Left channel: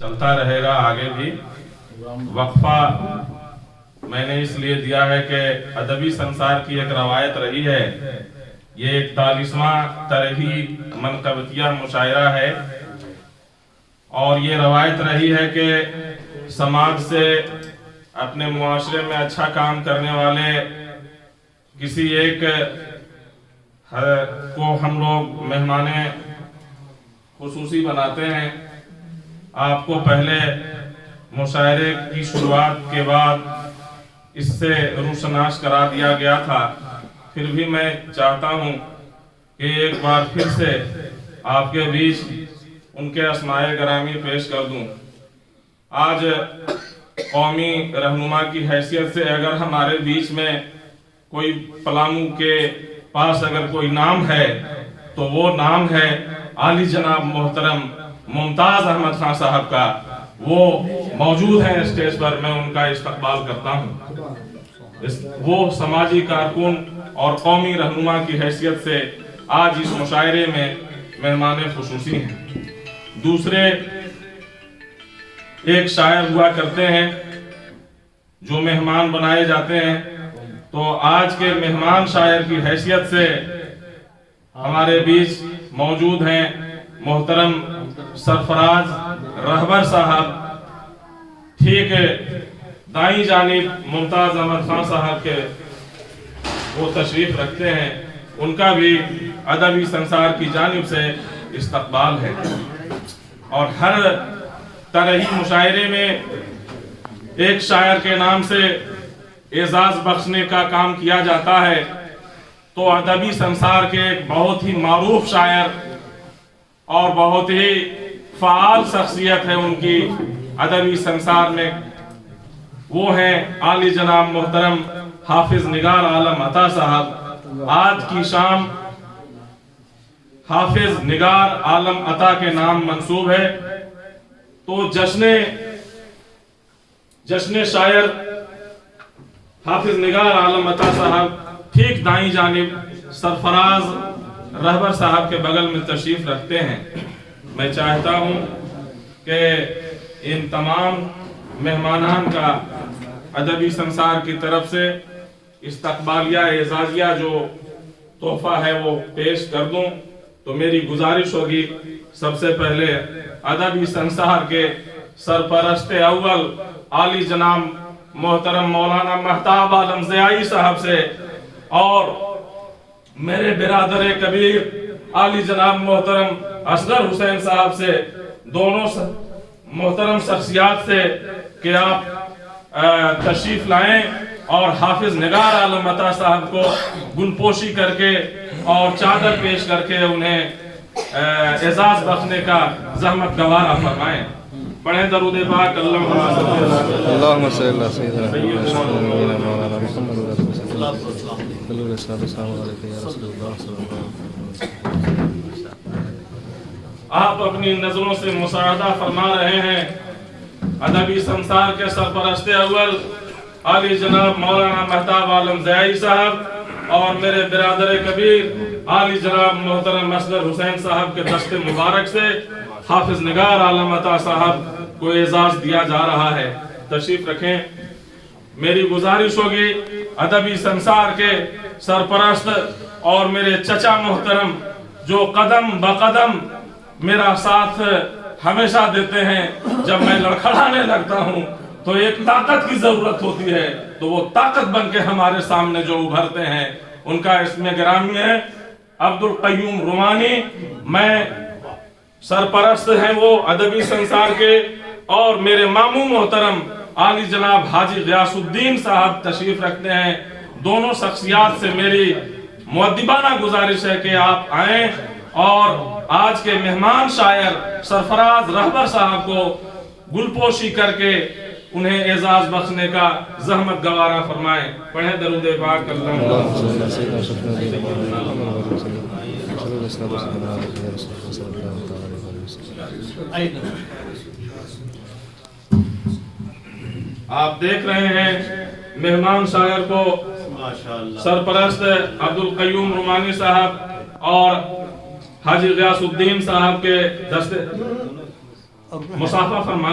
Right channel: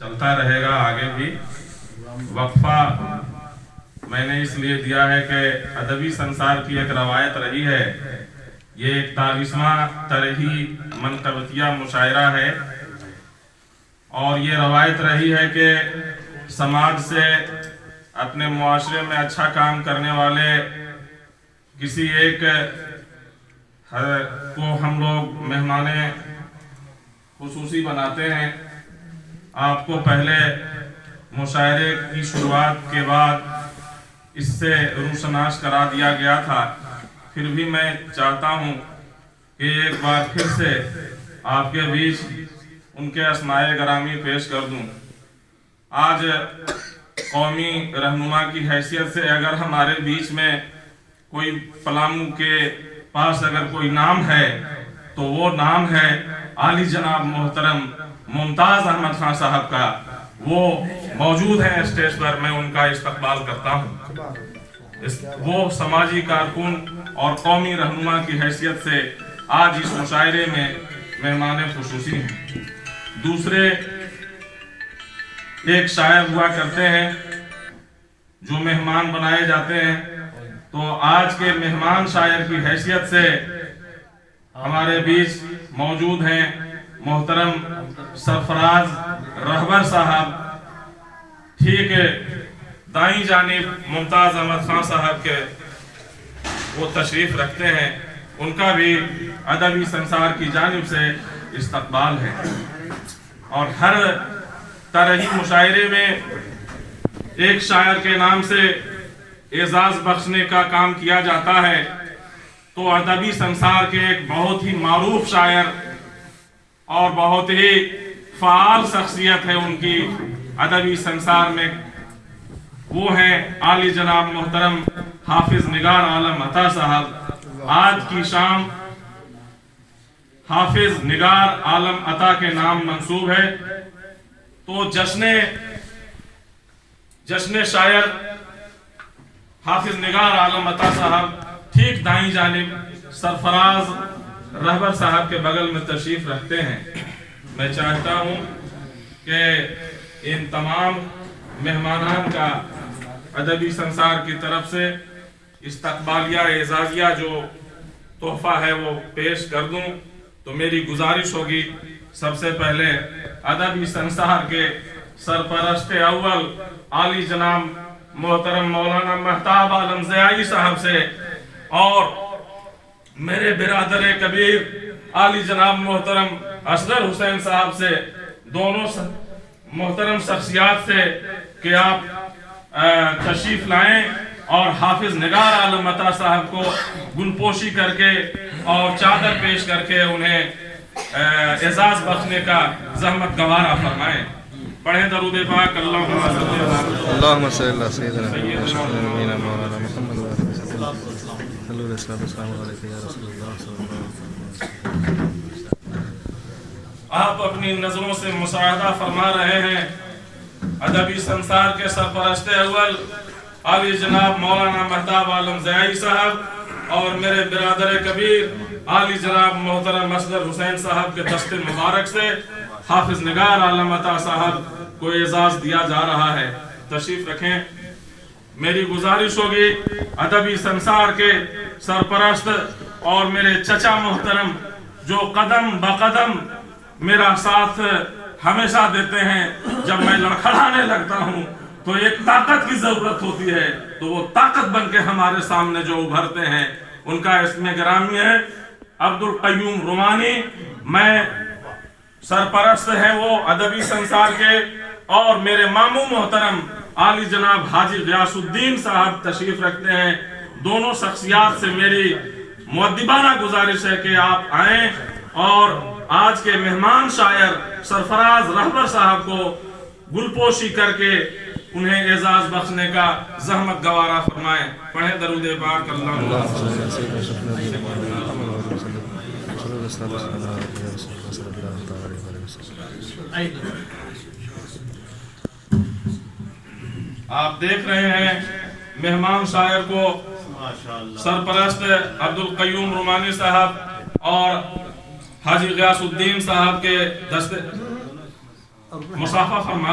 चलता रहेगा आगे भी। वक्फा मैंने इसलिए दिया है कि अदबी संसार की एक रवायत रही है, ये 41वां तरही मनकबतिया मुशायरा है, और ये रवायत रही है कि समाज से अपने मुआशरे में अच्छा काम करने वाले किसी एक को हम लोग मेहमाने खुसूसी बनाते हैं। आपको पहले मुशायरे की शुरुआत के बाद इससे रूशनाश करा दिया गया था, फिर भी मैं चाहता हूँ कि एक बार फिर से आपके बीच उनके अस्माए गरामी पेश कर दूं। आज कौमी रहनुमा की हैसियत से अगर हमारे बीच में कोई पलामू के पास अगर कोई नाम है तो वो नाम है आली जनाब मोहतरम मुमताज अहमद खान साहब का। वो मौजूद हैं स्टेज पर, मैं उनका इस्तकबाल करता हूँ। वो समाजी कारकुन और कौमी रहनुमा की हैसियत से आज इस मुशायरे में मेहमान खुसूसी हैं। दूसरे एक शायर हुआ करते हैं जो मेहमान बनाए जाते हैं, तो आज के मेहमान शायर की हैसियत से हमारे बीच मौजूद हैं मोहतरम सरफराज रहबर साहब। ठीक है, दाई जानिब मुमताज अहमद खान साहब के वो तशरीफ रखते हैं, उनका भी अदबी संसार की जानिब से इस्तकबाल है। और हर तरही मुशायरे में एक शायर के नाम से एजाज बख्शने का काम किया जाता है, तो अदबी संसार के एक बहुत ही मारूफ शायर और बहुत ही फाल शख्सियत है उनकी अदबी संसार में, वो हैं आली जनाब मोहतरम हाफिज निगार आलम अता साहब। आज की शाम हाफिज निगार आलम अता के नाम मंसूब है, तो जश्न शायर हाफिज निगार आलम अता साहब ठीक दाई जानिब सरफराज रहबर साहब के बगल में तशरीफ रखते हैं। मैं चाहता हूं कि इन तमाम मेहमानान का अदबी संसार की तरफ से इस्तकबालिया एजाजिया जो तोहफा है वो पेश कर दूं। तो मेरी गुजारिश होगी सबसे पहले अदबी संसार के सरपरस्त अव्वल आली जनाब मोहतरम मौलाना महताब आलम ज़ियाई साहब से और मेरे बिरादर कबीर आली जनाब मोहतरम असगर हुसैन साहब से, दोनों मोहतरम शख्सियात से कि आप तशरीफ लाएं और हाफिज निगार आलम अता साहब को गुलपोशी करके और चादर पेश करके उन्हें एजाज बख्शने का जहमत गवारा फरमाएं। पढ़े दरूद पाक अल्लाहुम्मा सल्ली अला सय्यिदिना मौलाना मुहम्मद व आलिहि वसल्लम या रसूलल्लाह। आप अपनी नजरों से मुशाहदा फरमा रहे हैं अदबी संसार के सरपरस्त अव्वल आली जनाब मौलाना महताब आलम ज़ियाई साहब और मेरे बिरादर कबीर आली जनाब मोहतरम असगर हुसैन साहब के दस्ते मुबारक से हाफिज निगार आलम अता साहब को एजाज दिया जा रहा है। तशरीफ रखें। मेरी गुजारिश होगी अदबी संसार के सरपरस्त और मेरे चचा मोहतरम जो कदम बकदम मेरा साथ हमेशा देते हैं, जब मैं लड़खड़ाने लगता हूँ तो एक ताकत की जरूरत होती है, तो वो ताकत बन के हमारे सामने जो उभरते हैं उनका इसमें गिरामी है अब्दुल कय्यूम रुमानी। मैं सरपरस्त हैं वो अदबी संसार के, और मेरे मामू मोहतरम आली जनाब हाजी गियासुद्दीन साहब तशरीफ रखते हैं। दोनों शख्सियात से मेरी मुअद्दिबाना गुजारिश है कि आप आए और आज के मेहमान शायर सरफराज रहबर साहब को गुलपोशी करके उन्हें एजाज बख्शने का जहमत गवारा फरमाएं। पढ़े दरूद पाक आप देख रहे हैं मेहमान शायर को सरपरस्त अब्दुल कय्यूम रुमानी साहब और हाजी गियासुद्दीन साहब के दस्ते मुसाफा फरमा